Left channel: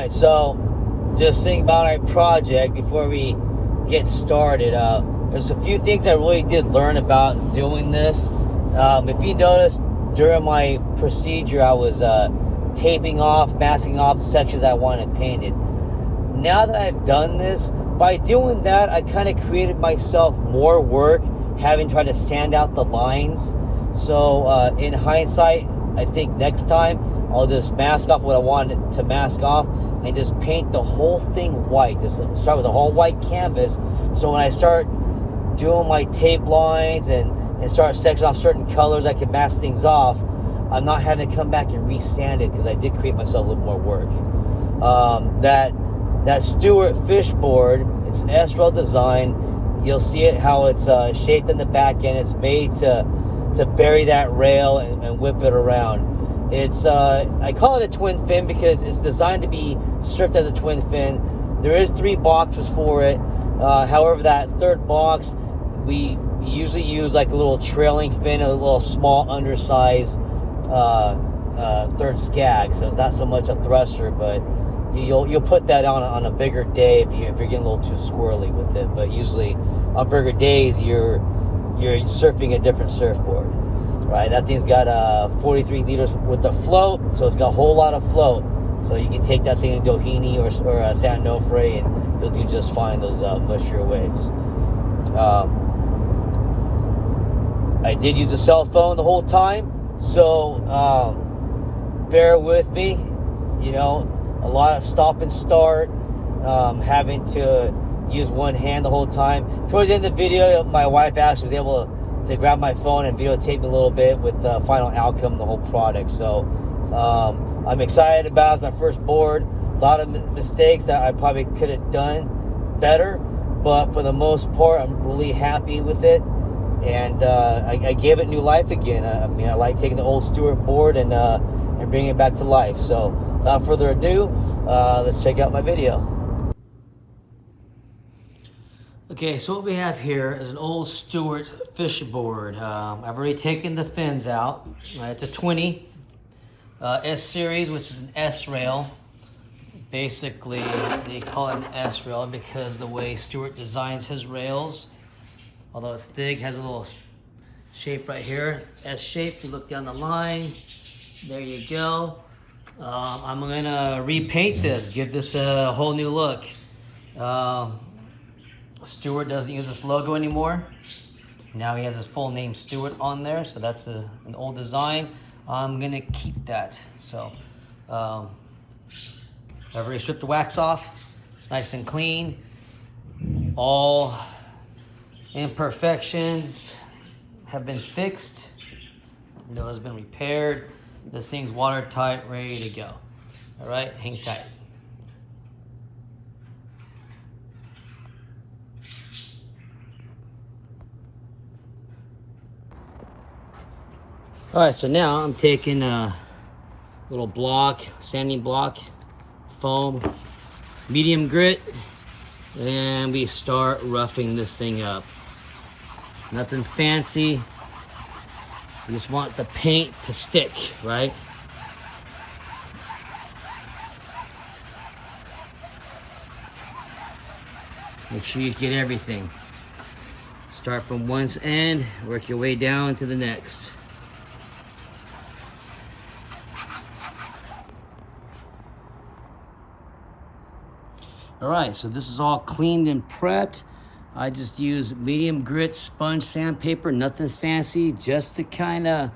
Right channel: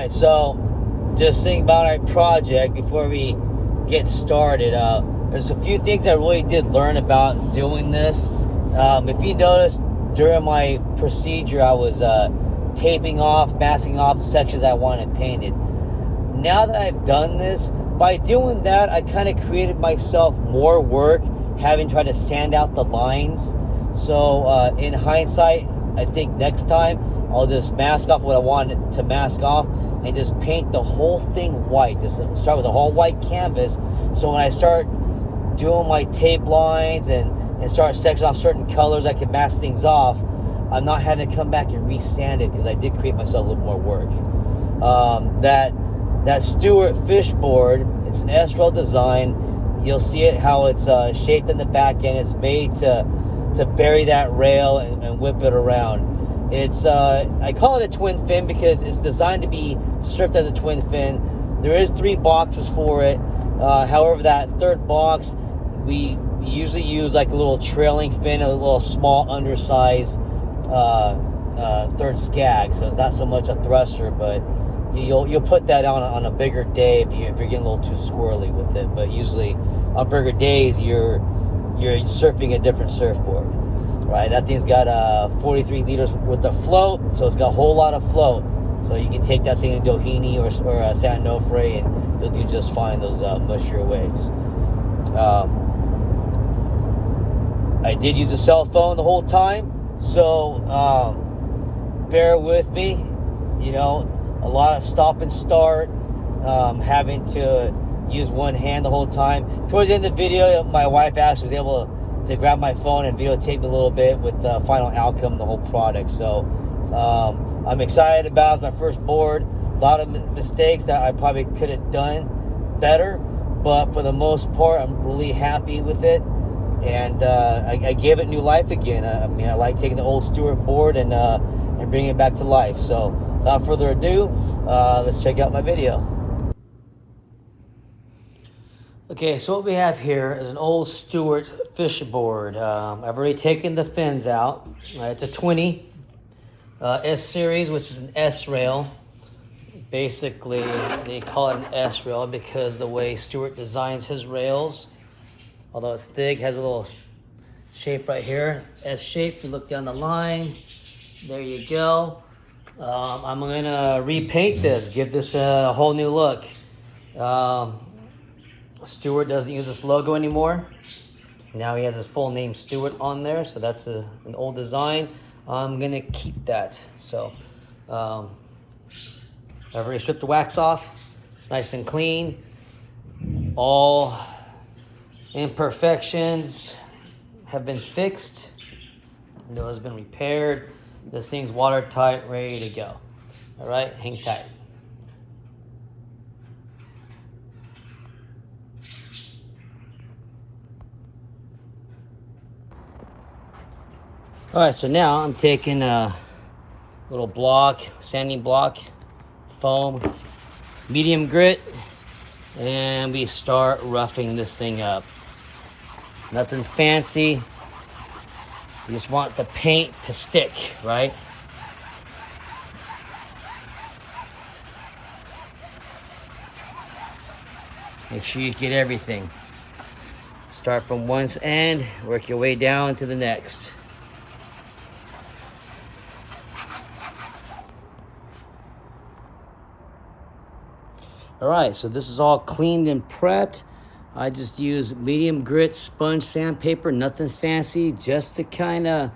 Alright, so just think about our project before we get started. There's a few things I really did learn about doing this. If you notice, during my procedure, I was taping off, masking off the sections I wanted painted. Now that I've done this, by doing that, I kind of created myself more work, having tried to sand out the lines. So in hindsight, I think next time I'll just mask off what I wanted to mask off and just paint the whole thing white. Just start with a whole white canvas. So when I start doing my tape lines and start sectioning off certain colors, I can mask things off. I'm not having to come back and re-sand it because I did create myself a little more work. That Stewart fish board, it's an S-rail design. You'll see it how it's shaped in the back end. It's made to bury that rail and whip it around. It's I call it a twin fin because it's designed to be surfed as a twin fin. There is 3 boxes for it. However, that third box, we usually use like a little trailing fin, a little small undersized third skag. So it's not so much a thruster, but you'll put that on a bigger day if you're getting a little too squirrely with it. But usually on bigger days, you're surfing a different surfboard, right? That thing's got 43 liters with the float, so it's got a whole lot of float. So you can take that thing in Doheny or San Onofre, and you'll do just fine those mushier waves. I did use a cell phone the whole time, so bear with me. You know, a lot of stop and start, having to use one hand the whole time. Towards the end of the video, my wife actually was able to grab my phone and videotape me a little bit with the final outcome of the whole product. So I'm excited about it. It's my first board. A lot of mistakes that I probably could have done better, but for the most part, I'm really happy with it. And I gave it new life again. I mean, I like taking the old Stewart board and bringing it back to life. So without further ado, let's check out my video. Okay, so what we have here is an old Stewart fish board. I've already taken the fins out. It's a 20 S series, which is an S rail. Basically, they call it an S rail because the way Stewart designs his rails, although it's thick, has a little shape right here, S shape. You look down the line, there you go. I'm gonna repaint this, give this a whole new look. Stewart doesn't use this logo anymore. Now he has his full name Stewart on there, so that's an old design. I'm gonna keep that. So I've already stripped the wax off. It's nice and clean. All imperfections have been fixed. Window has been repaired. This thing's watertight, ready to go. All right, hang tight. All right, so now I'm taking a little block, sanding block, foam, medium grit, and we start roughing this thing up. Nothing fancy. You just want the paint to stick, right? Make sure you get everything. Start from one end, work your way down to the next. All right, so this is all cleaned and prepped. I just use medium grit sponge sandpaper, nothing fancy, just to kind of,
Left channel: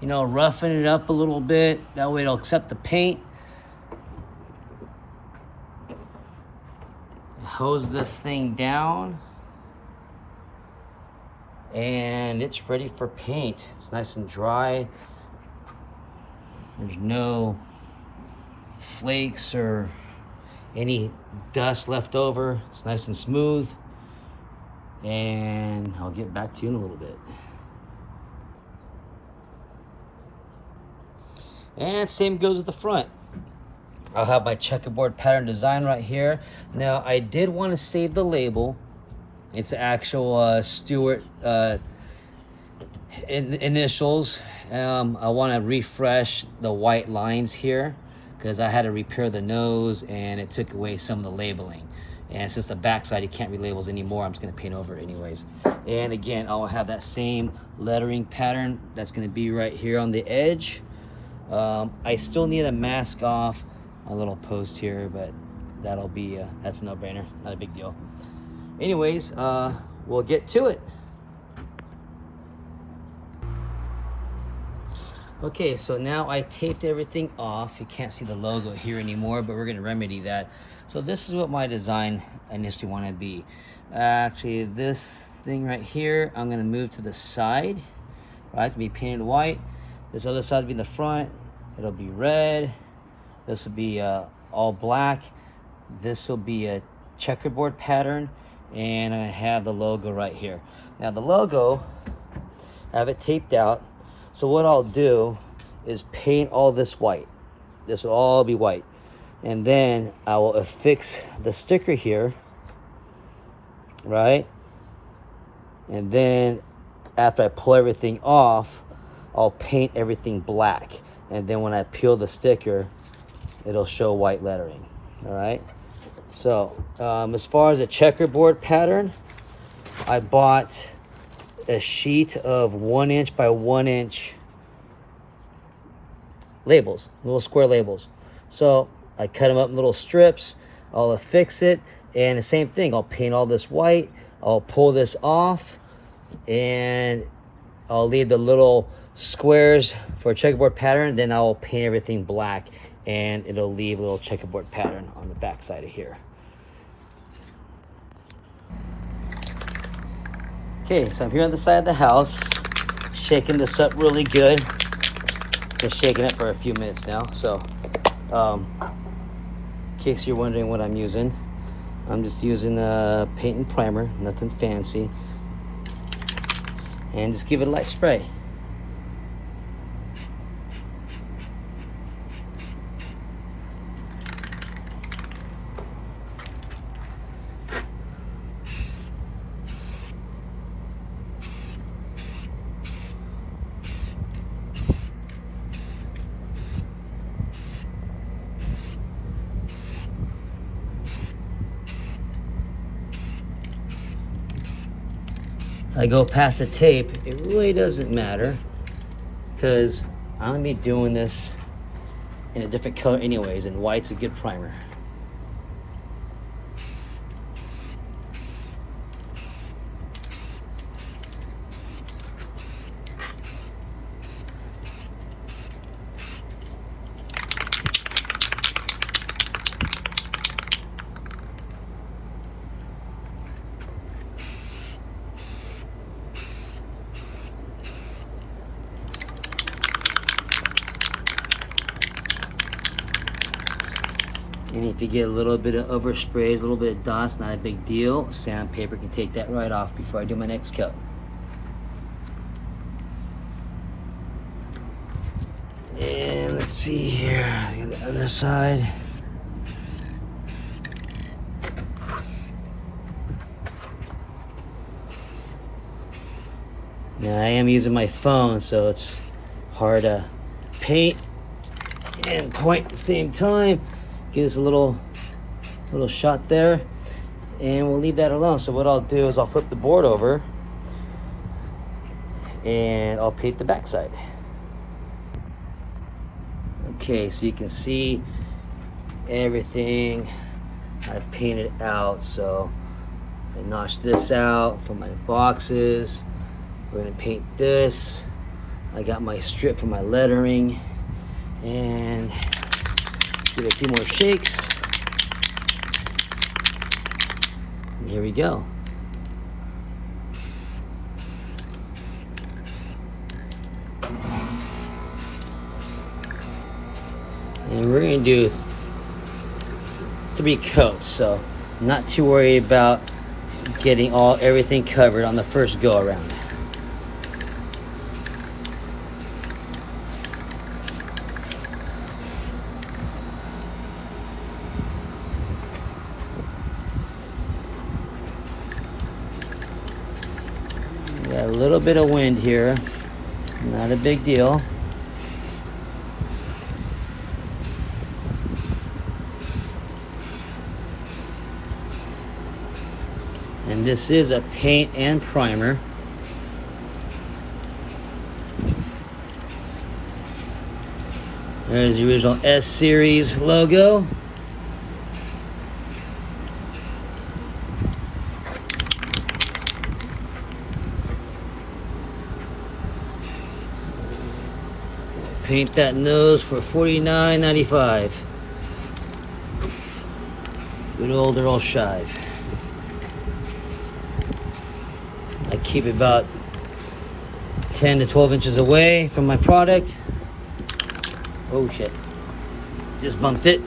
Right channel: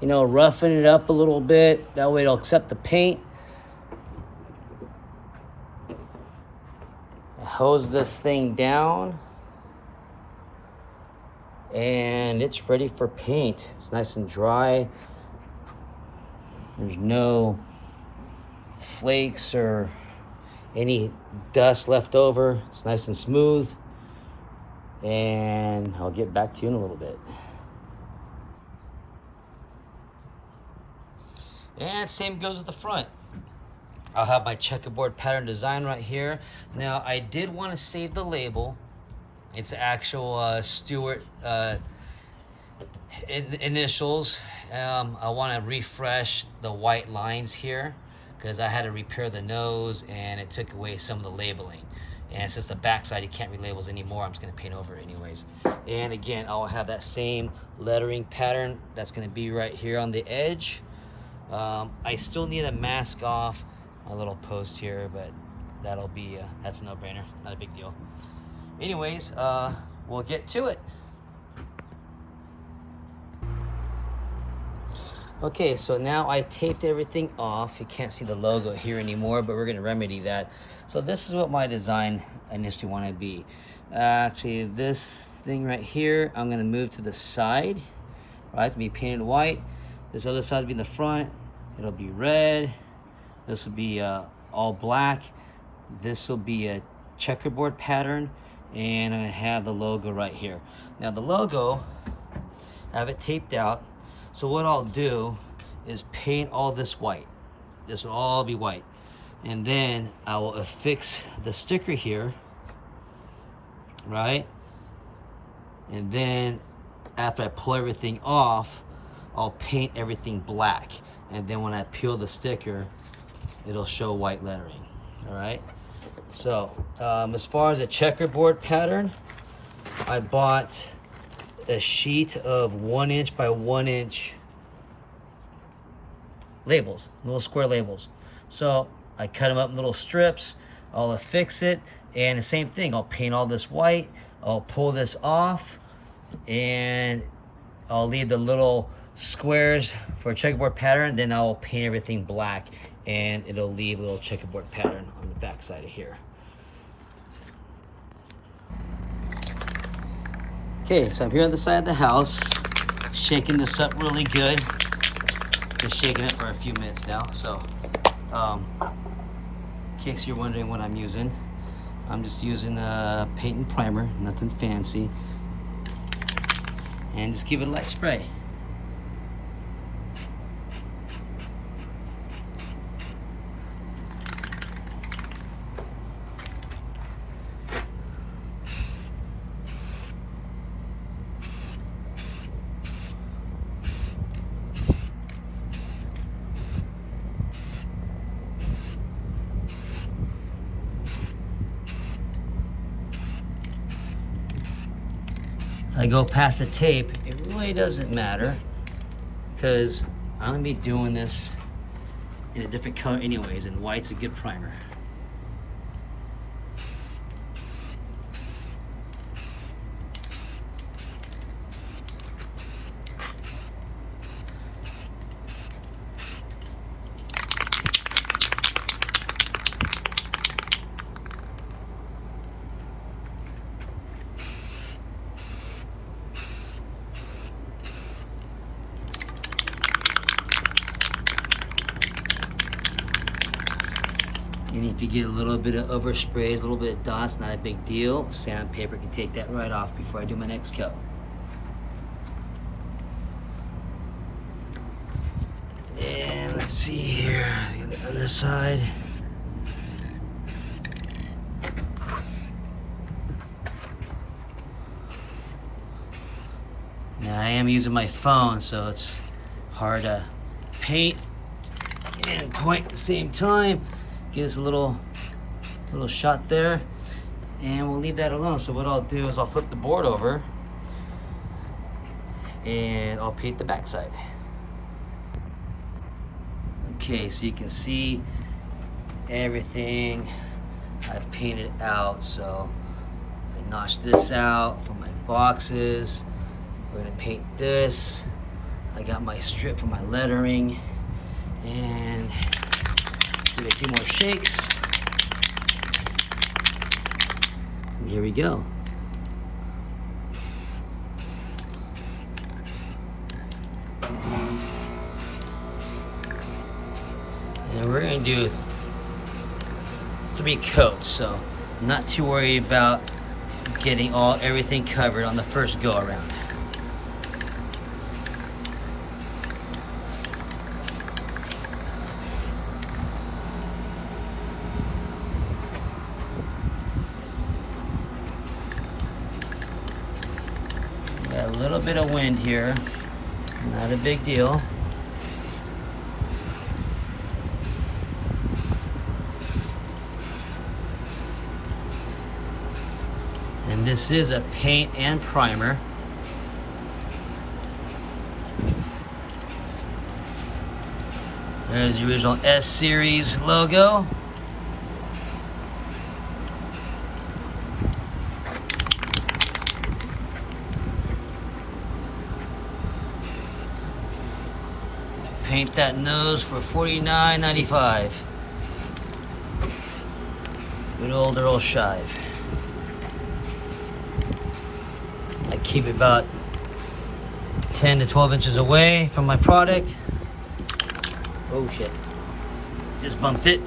you know, roughen it up a little bit. That way it'll accept the paint. I hose this thing down, and it's ready for paint. It's nice and dry. There's no flakes or any dust left over. It's nice and smooth. And I'll get back to you in a little bit. And same goes with the front. I'll have my checkerboard pattern design right here. Now, I did want to save the label. It's actual Stewart initials. I want to refresh the white lines here, because I had to repair the nose and it took away some of the labeling. And since the backside you can't read labels anymore, I'm just gonna paint over it anyways. And again, I'll have that same lettering pattern that's gonna be right here on the edge. I still need to mask off my little post here, but that'll be that's a no-brainer, not a big deal. Anyways, we'll get to it. Okay, so now I taped everything off. You can't see the logo here anymore, but we're gonna remedy that. So this is what my design initially wanted to be. Actually, this thing right here, I'm gonna move to the side, right, to be painted white. This other side will be in the front. It'll be red. This will be all black. This will be a checkerboard pattern, and I have the logo right here. Now the logo, I have it taped out. So what I'll do is paint all this white. This will all be white. And then I will affix the sticker here, right? And then after I pull everything off, I'll paint everything black. And then when I peel the sticker, it'll show white lettering, all right? So as far as a checkerboard pattern, I bought a sheet of 1 inch by 1 inch labels, little square labels. So I cut them up in little strips. I'll affix it, and the same thing, I'll paint all this white. I'll pull this off, and I'll leave the little squares for a checkerboard pattern. Then I'll paint everything black, and it'll leave a little checkerboard pattern on the back side of here. Okay, so I'm here on the side of the house, shaking this up really good. Been shaking it for a few minutes now. So, in case you're wondering what I'm using, I'm just using a paint and primer, nothing fancy. And just give it a light spray. I go past the tape, it really doesn't matter because I'm gonna be doing this in a different color anyways, and white's a good primer. And if you get a little bit of overspray, a little bit of dust, not a big deal. Sandpaper can take that right off before I do my next coat. And let's see here, on the other side. Now I am using my phone, so it's hard to paint and point at the same time. Give us a little shot there, and we'll leave that alone. So what I'll do is I'll flip the board over and I'll paint the backside. Okay, so you can see everything I've painted out. So I notched this out for my boxes. We're gonna paint this. I got my strip for my lettering, and give it a few more shakes. And here we go. And we're gonna do 3 coats, so I'm not too worried about getting everything covered on the first go around. Got a little bit of wind here, not a big deal. And this is a paint and primer. There's the original S series logo. Paint that nose for $49.95. Good old Earl Shive. I keep it about 10 to 12 inches away from my product. Oh shit, just bumped it.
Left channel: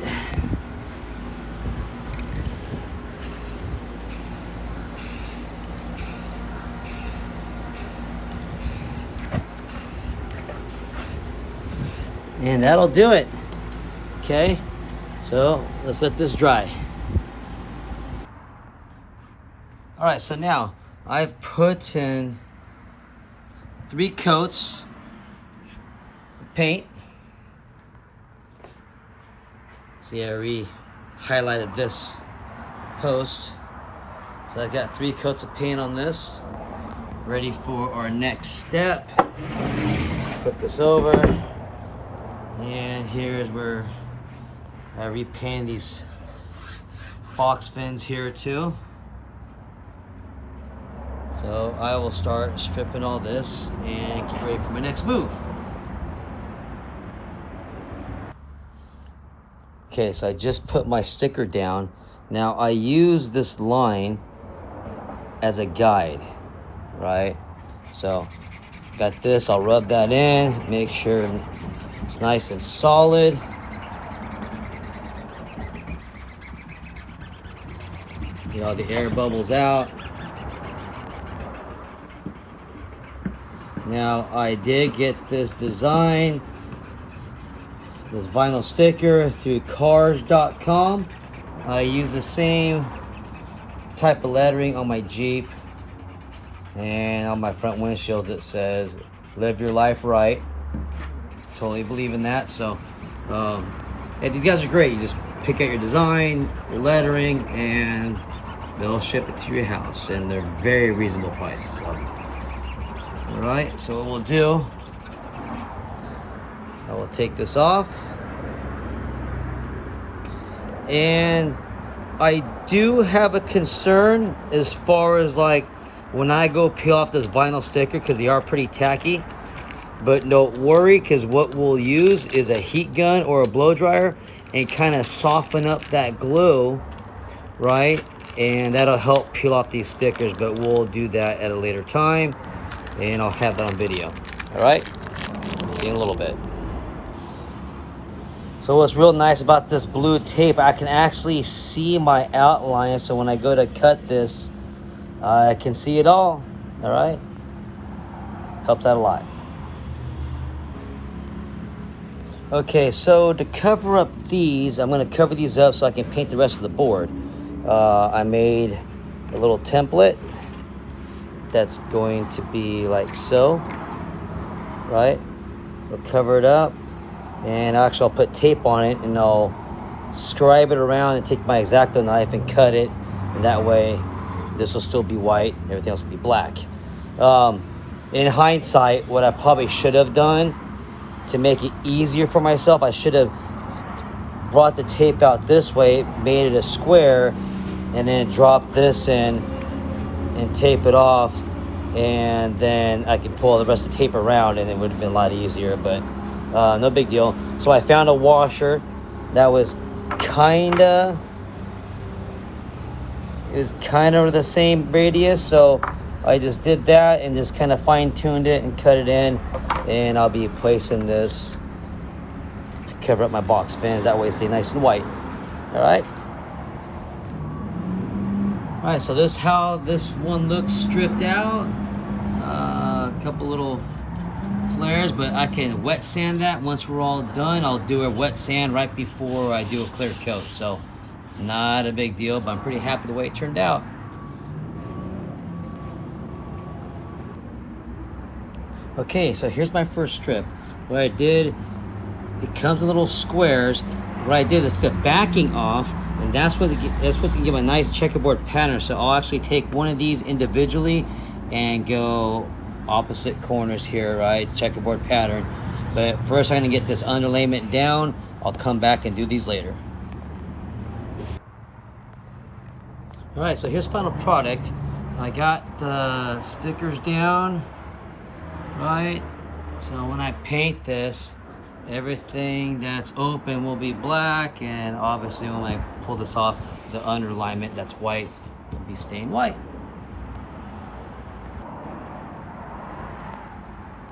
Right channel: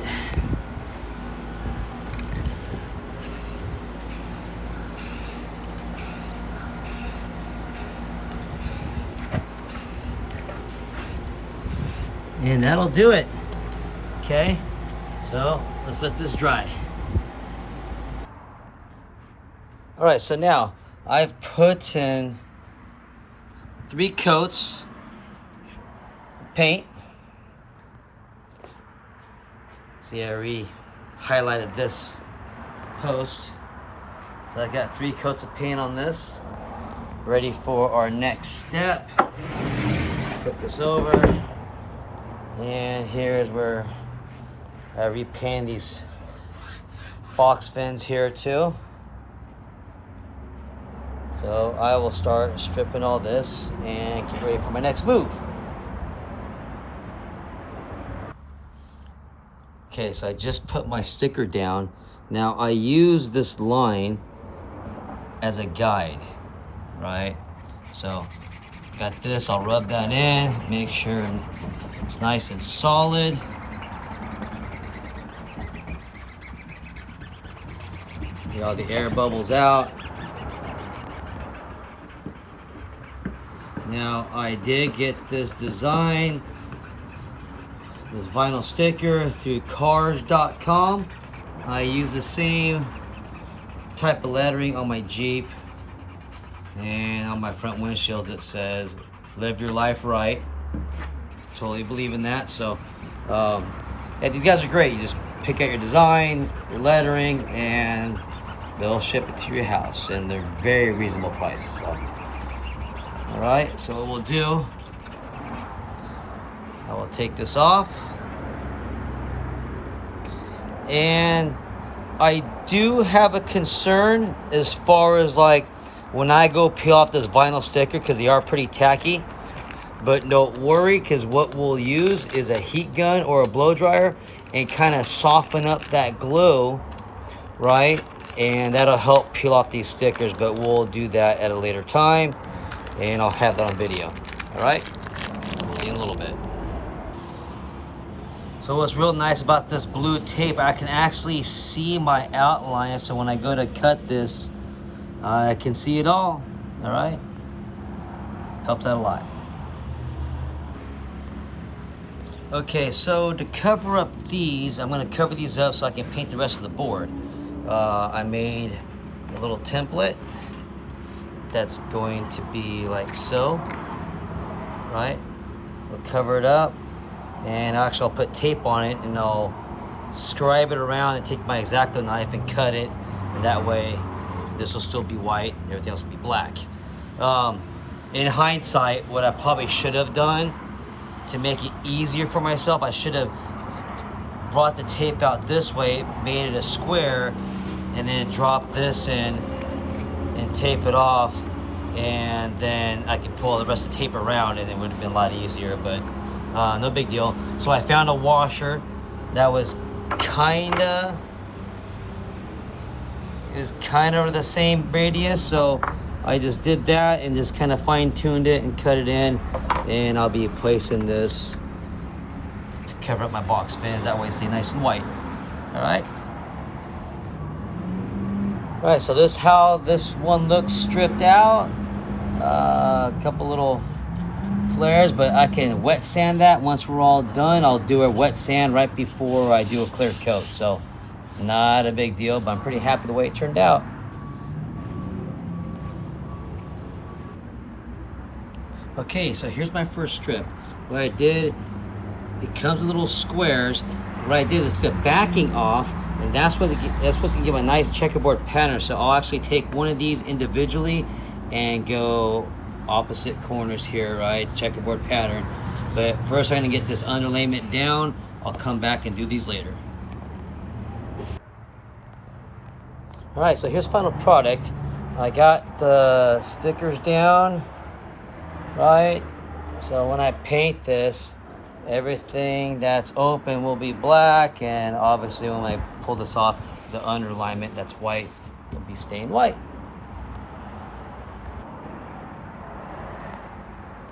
And that'll do it. Okay, so let's let this dry. All right, so now I've put in 3 coats of paint. See, I re-highlighted this post. So I got 3 coats of paint on this. Ready for our next step. Flip this over. And here's where I repaint these box fins here too. So I will start stripping all this and get ready for my next move. Okay, so I just put my sticker down. Now I use this line as a guide, right? So got this, I'll rub that in, make sure it's nice and solid. Get all the air bubbles out. Now I did get this design, this vinyl sticker through cars.com. I use the same type of lettering on my Jeep, and on my front windshields it says live your life right. Totally believe in that. So yeah, these guys are great. You just pick out your design, your lettering, and they'll ship it to your house, and they're very reasonable price. So all right, so what we'll do, I will take this off. And I do have a concern as far as like when I go peel off this vinyl sticker, because they are pretty tacky. But don't worry, because what we'll use is a heat gun or a blow dryer and kind of soften up that glue, right? And that'll help peel off these stickers, but we'll do that at a later time, and I'll have that on video. All right, see you in a little bit. So what's real nice about this blue tape, I can actually see my outline, so when I go to cut this, I can see it all right? Helps out a lot. Okay, so to cover up these, I'm going to cover these up so I can paint the rest of the board. I made a little template that's going to be like so, right? We'll cover it up, and actually I'll put tape on it, and I'll scribe it around and take my X-Acto knife and cut it, and that way this will still be white, everything else will be black. In hindsight, what I probably should have done to make it easier for myself, I should have brought the tape out this way, made it a square, and then dropped this in and tape it off, and then I could pull the rest of the tape around, and it would have been a lot easier, but no big deal. So I found a washer that was kinda the same radius, so I just did that and just kind of fine-tuned it and cut it in, and I'll be placing this to cover up my box fans, that way it stays nice and white. All right, so this is how this one looks stripped out. A couple little flares, but I can wet sand that once we're all done. I'll do a wet sand right before I do a clear coat, so not a big deal, but I'm pretty happy the way it turned out. Okay, so here's my first strip. What I did, it comes in little squares. What I did is took the backing off, And that's what's gonna give a nice checkerboard pattern. So I'll actually take one of these individually and go opposite corners here, right? Checkerboard pattern. But first I'm gonna get this underlayment down. I'll come back and do these later. All right, so here's final product. I got the stickers down, right? So when I paint this, everything that's open will be black, and obviously when I pull this off, the underlayment that's white will be stained white.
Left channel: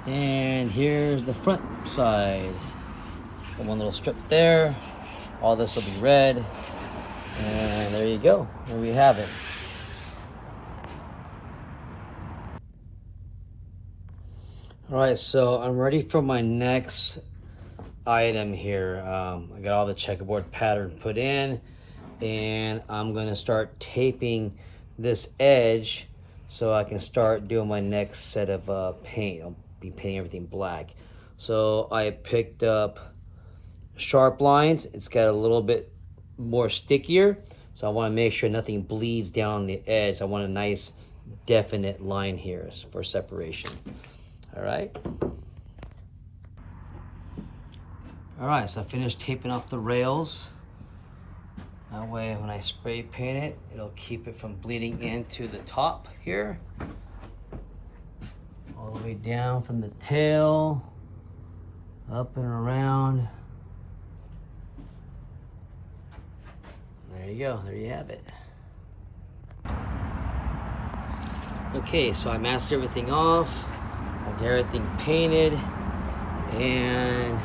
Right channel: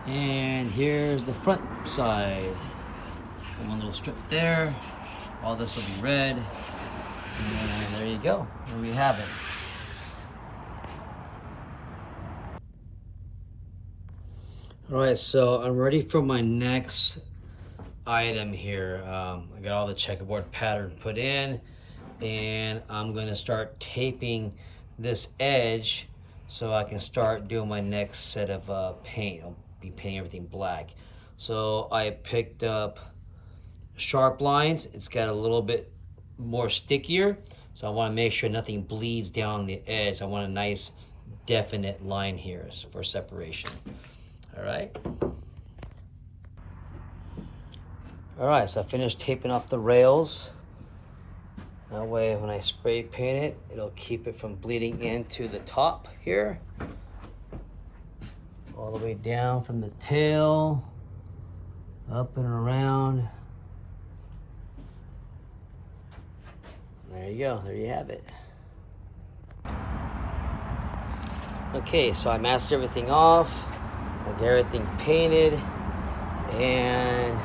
And here's the front side. One little strip there. All this will be red. And there you go. There we have it. All right, so I'm ready for my next item here. I got all the checkerboard pattern put in, and I'm gonna start taping this edge so I can start doing my next set of paint. I'll be painting everything black. So I picked up sharp lines. It's got a little bit more stickier, so I want to make sure nothing bleeds down the edge. I want a nice definite line here for separation. All right, so I finished taping off the rails. That way when I spray paint it, it'll keep it from bleeding into the top here, all the way down from the tail up and around. There you go, there you have it. Okay, so I masked everything off, I got everything painted, and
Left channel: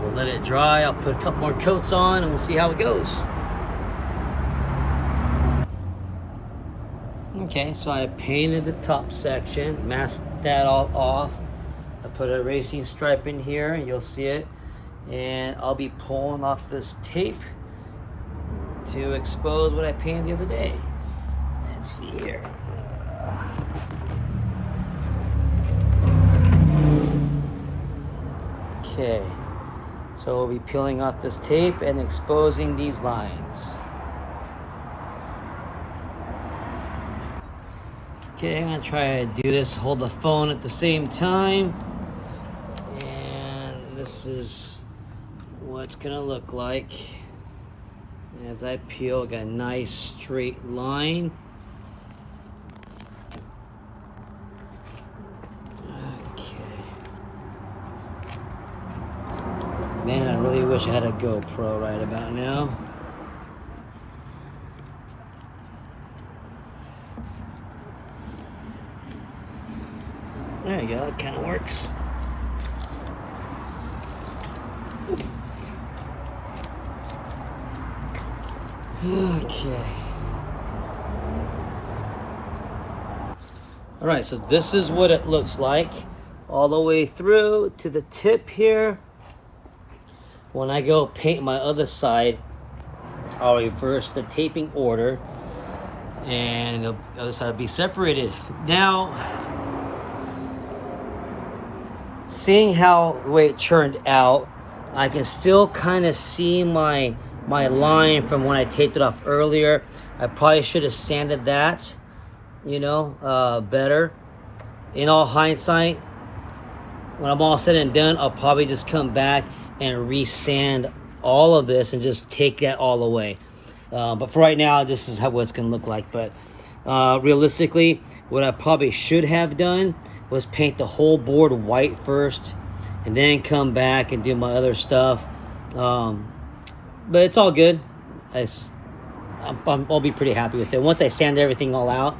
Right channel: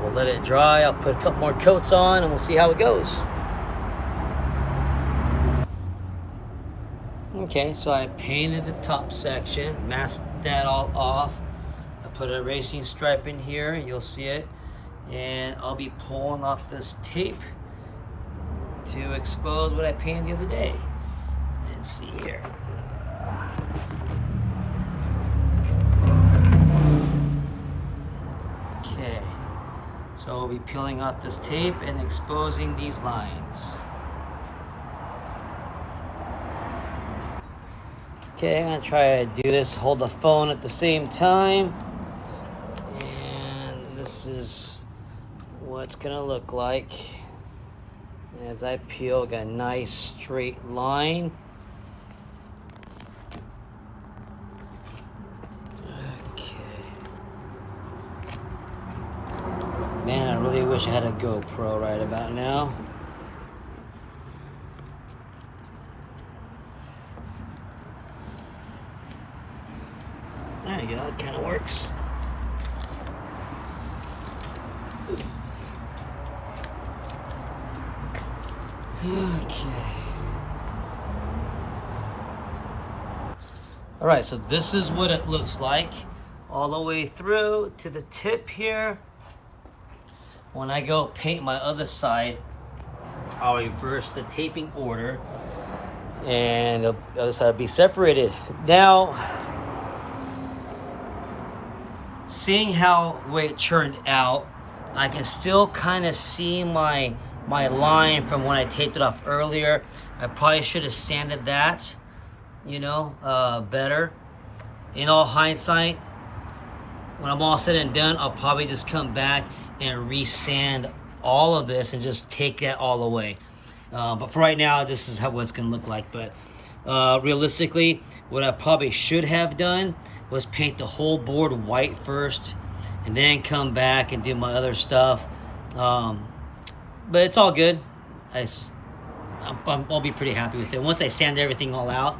we'll let it dry. I'll put a couple more coats on and we'll see how it goes. Okay, so I painted the top section, masked that all off. I put a racing stripe in here, you'll see it, and I'll be pulling off this tape to expose what I painted the other day. Let's see here. Okay, so we'll be peeling off this tape and exposing these lines. Okay, I'm gonna try to do this, hold the phone at the same time. And this is what it's gonna look like. As I peel, got a nice straight line. Okay. Man, I really wish I had a GoPro right about now. There you go, it kind of works. Okay. All right, so this is what it looks like all the way through to the tip here. When I go paint my other side, I'll reverse the taping order and the other side will be separated. Now, seeing how the way it turned out, I can still kind of see my line from when I taped it off earlier. I probably should have sanded that, you know, better. In all hindsight, when I'm all said and done, I'll probably just come back and resand all of this and just take that all away. But for right now, this is what it's gonna look like. But realistically, what I probably should have done was paint the whole board white first and then come back and do my other stuff. But it's all good. I'll be pretty happy with it. Once I sand everything all out,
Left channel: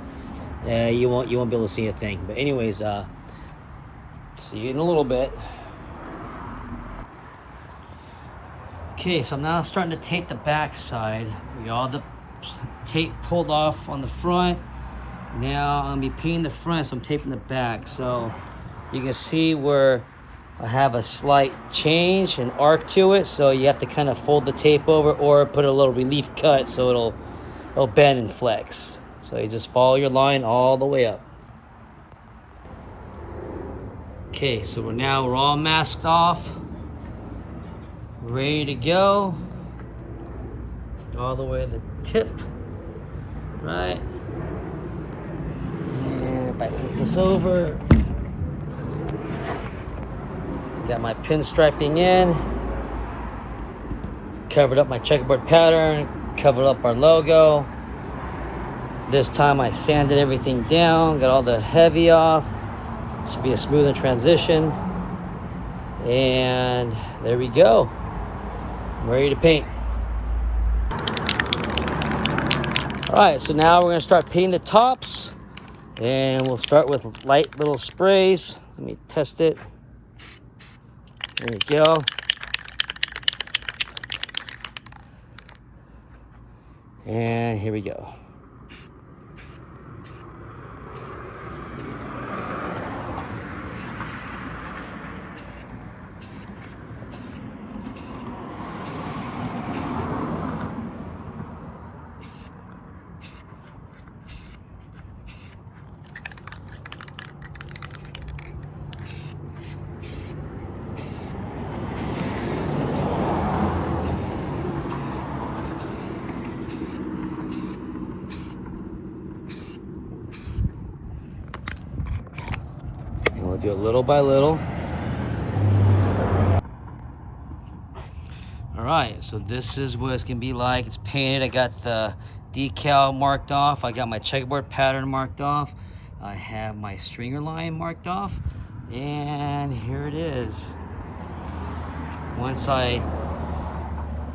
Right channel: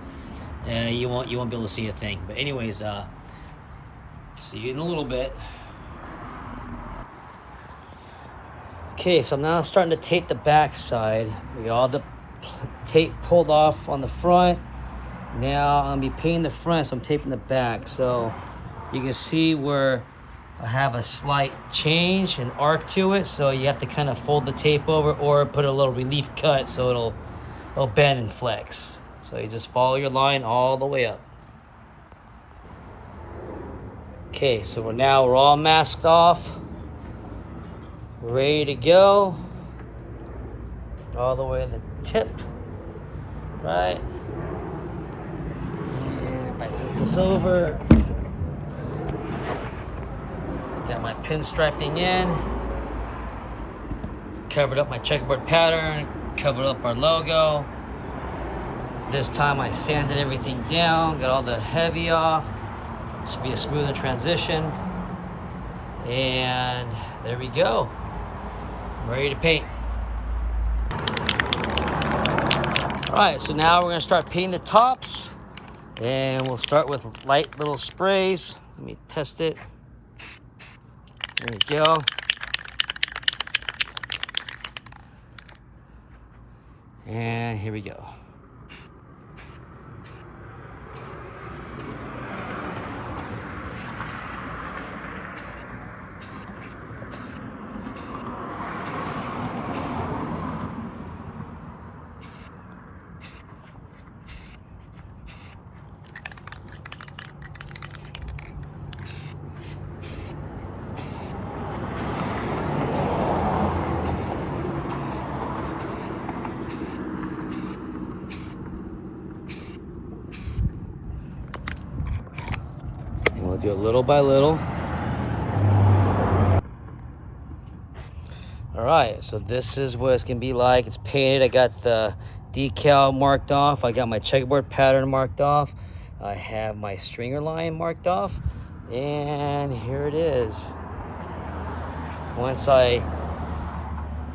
you won't be able to see a thing. But anyways, see you in a little bit. Okay, so I'm now starting to tape the back side. We got all the tape pulled off on the front. Now I'm gonna be painting the front, so I'm taping the back. So you can see where I have a slight change, an arc to it. So you have to kind of fold the tape over or put a little relief cut so it'll bend and flex. So you just follow your line all the way up. Okay, so we're all masked off, ready to go. all the way to the tip, right? And if I flip this over, got my pinstriping in, covered up my checkerboard pattern, covered up our logo. This time I sanded everything down, got all the heavy off. Should be a smoother transition. And there we go. I'm ready to paint. All right, so now we're gonna start painting the tops, and we'll start with light little sprays. Let me test it. There we go. And here we go. We'll do it little by little. All right, so this is what it's gonna be like. It's painted. I got the decal marked off. I got my checkerboard pattern marked off. I have my stringer line marked off. And here it is. Once I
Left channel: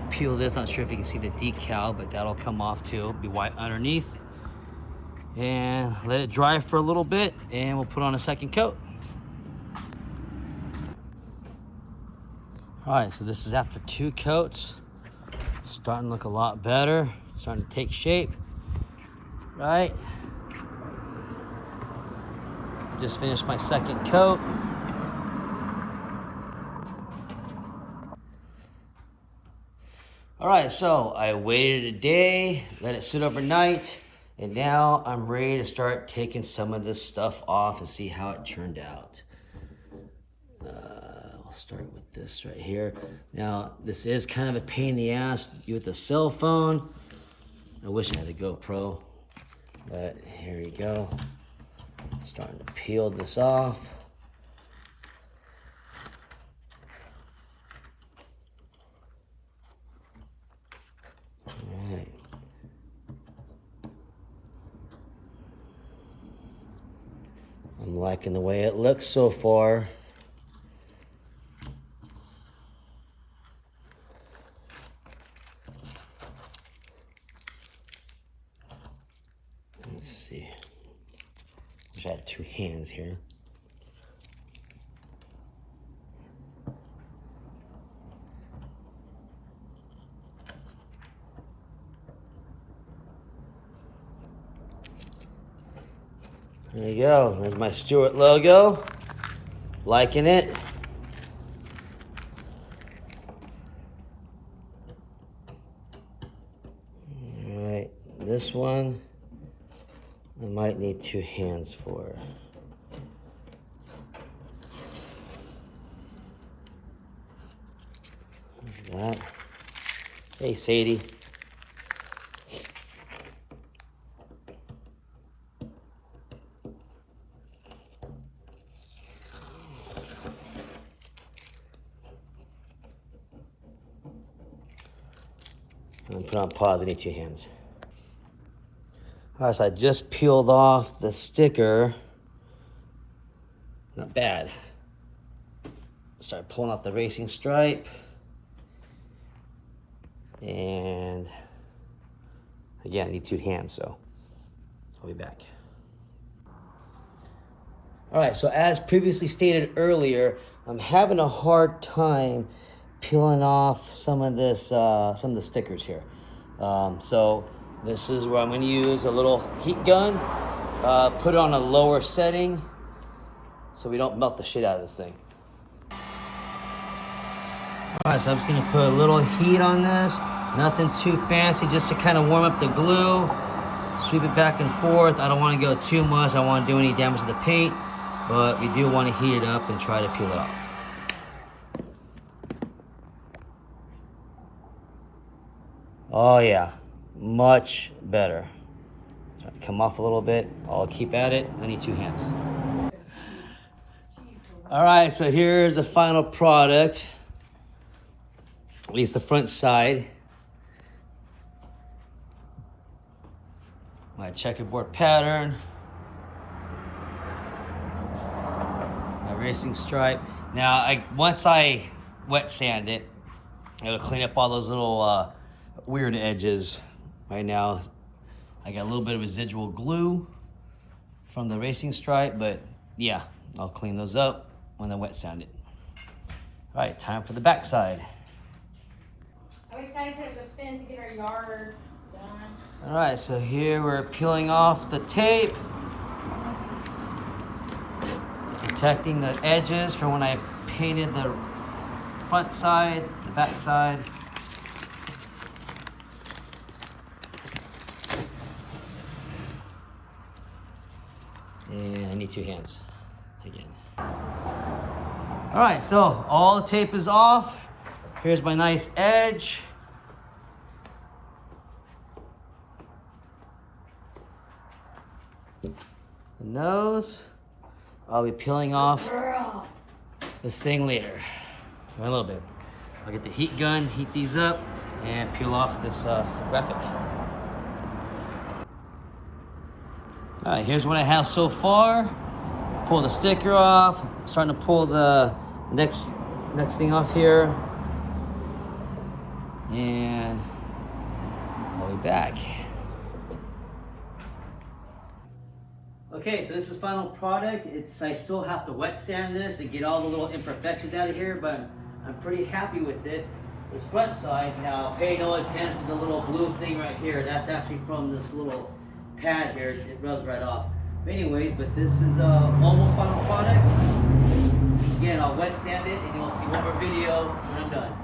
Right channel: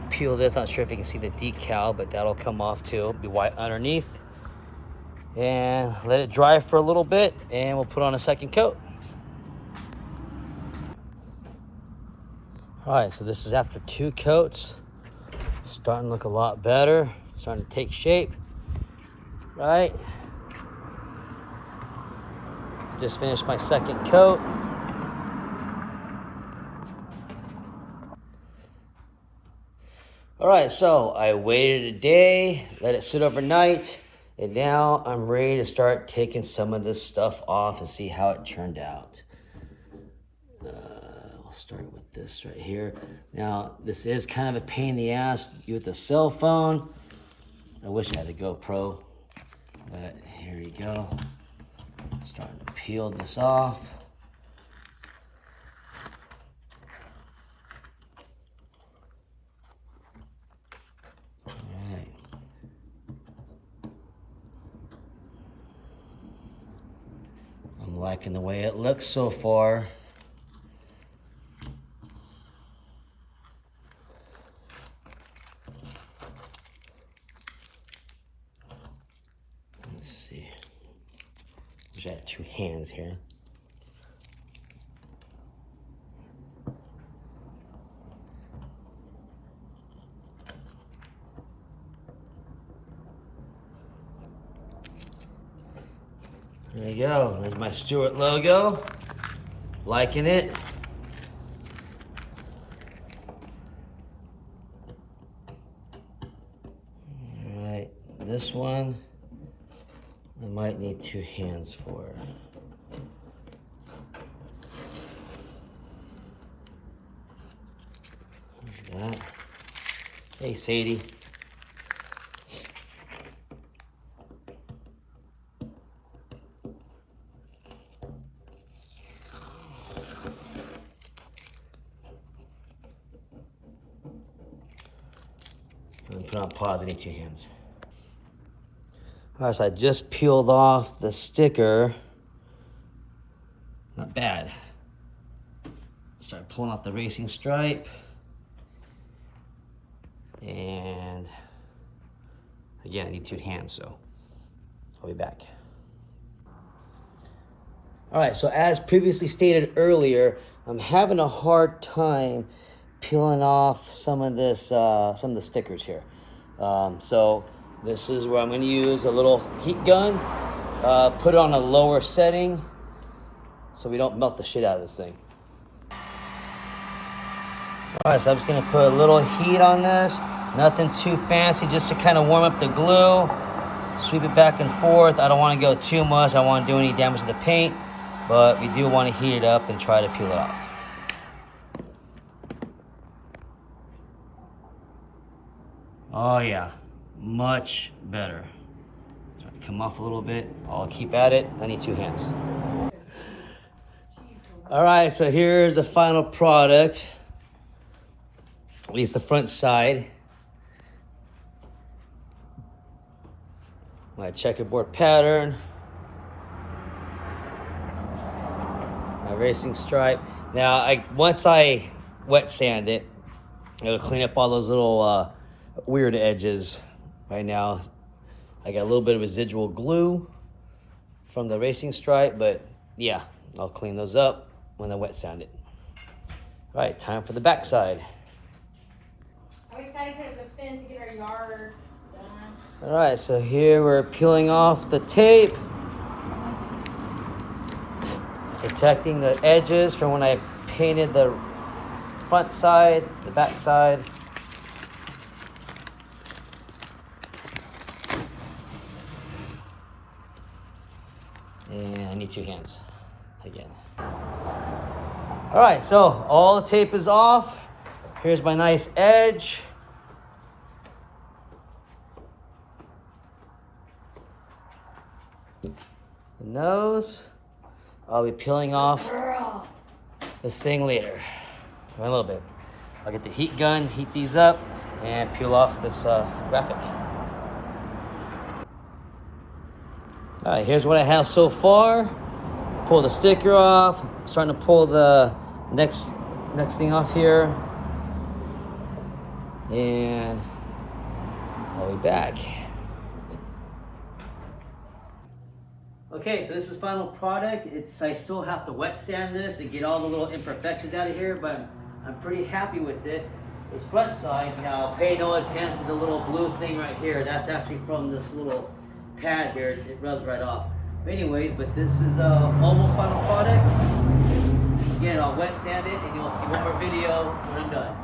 peel this, not sure if you can see the decal, but that'll come off too. It'll be white underneath. And let it dry for a little bit, and we'll put on a second coat. All right, so this is after 2 coats. Starting to look a lot better. Starting to take shape, right? Just finished my second coat. All right, so I waited a day, let it sit overnight, and now I'm ready to start taking some of this stuff off and see how it turned out. We'll start with this right here. Now, this is kind of a pain in the ass to do with the cell phone. I wish I had a GoPro, but here you go. Starting to peel this off. All right. I'm liking the way it looks so far. Let's see. I have 2 hands here. There you go. There's my Stewart logo. Liking it. All right, this one I might need 2 hands for. Like that. Hey, Sadie. I'm put on pause, I need 2 hands. All right, so I just peeled off the sticker. Not bad. Start pulling out the racing stripe. And again, I need 2 hands, so I'll be back. All right, so as previously stated earlier, I'm having a hard time peeling off some of this, some of the stickers here. So this is where I'm going to use a little heat gun, put it on a lower setting so we don't melt the shit out of this thing. All right, so I'm just going to put a little heat on this. Nothing too fancy, just to kind of warm up the glue. Sweep it back and forth. I don't want to go too much. I don't want to do any damage to the paint, but we do want to heat it up and try to peel it off. Oh yeah, much better. Try to come off a little bit. I'll keep at it. I need 2 hands. All right, so here's the final product. At least the front side. My checkerboard pattern. My racing stripe. Now, once I wet sand it, it'll clean up all those little weird edges. Right now, I got a little bit of residual glue from the racing stripe, but yeah, I'll clean those up when I wet sand it. All right, time for the back side. Are we excited to put up the fence to get our yard? All right, so here we're peeling off the tape, protecting the edges from when I painted the front side, the back side. And I need 2 hands again. All right, so all the tape is off. Here's my nice edge. The nose. I'll be peeling off this thing later. In a little bit. I'll get the heat gun, heat these up, and peel off this graphic. All right, here's what I have so far. Pull the sticker off. Starting to pull the next thing off here. And I'll be back. Okay, so this is final product. I still have to wet sand this and get all the little imperfections out of here, but I'm pretty happy with it. This front side, now pay no attention to the little blue thing right here. That's actually from this little pad here. It rubs right off. But anyways, but this is almost final product. Again, I'll wet sand it and you'll see one more video when I'm done.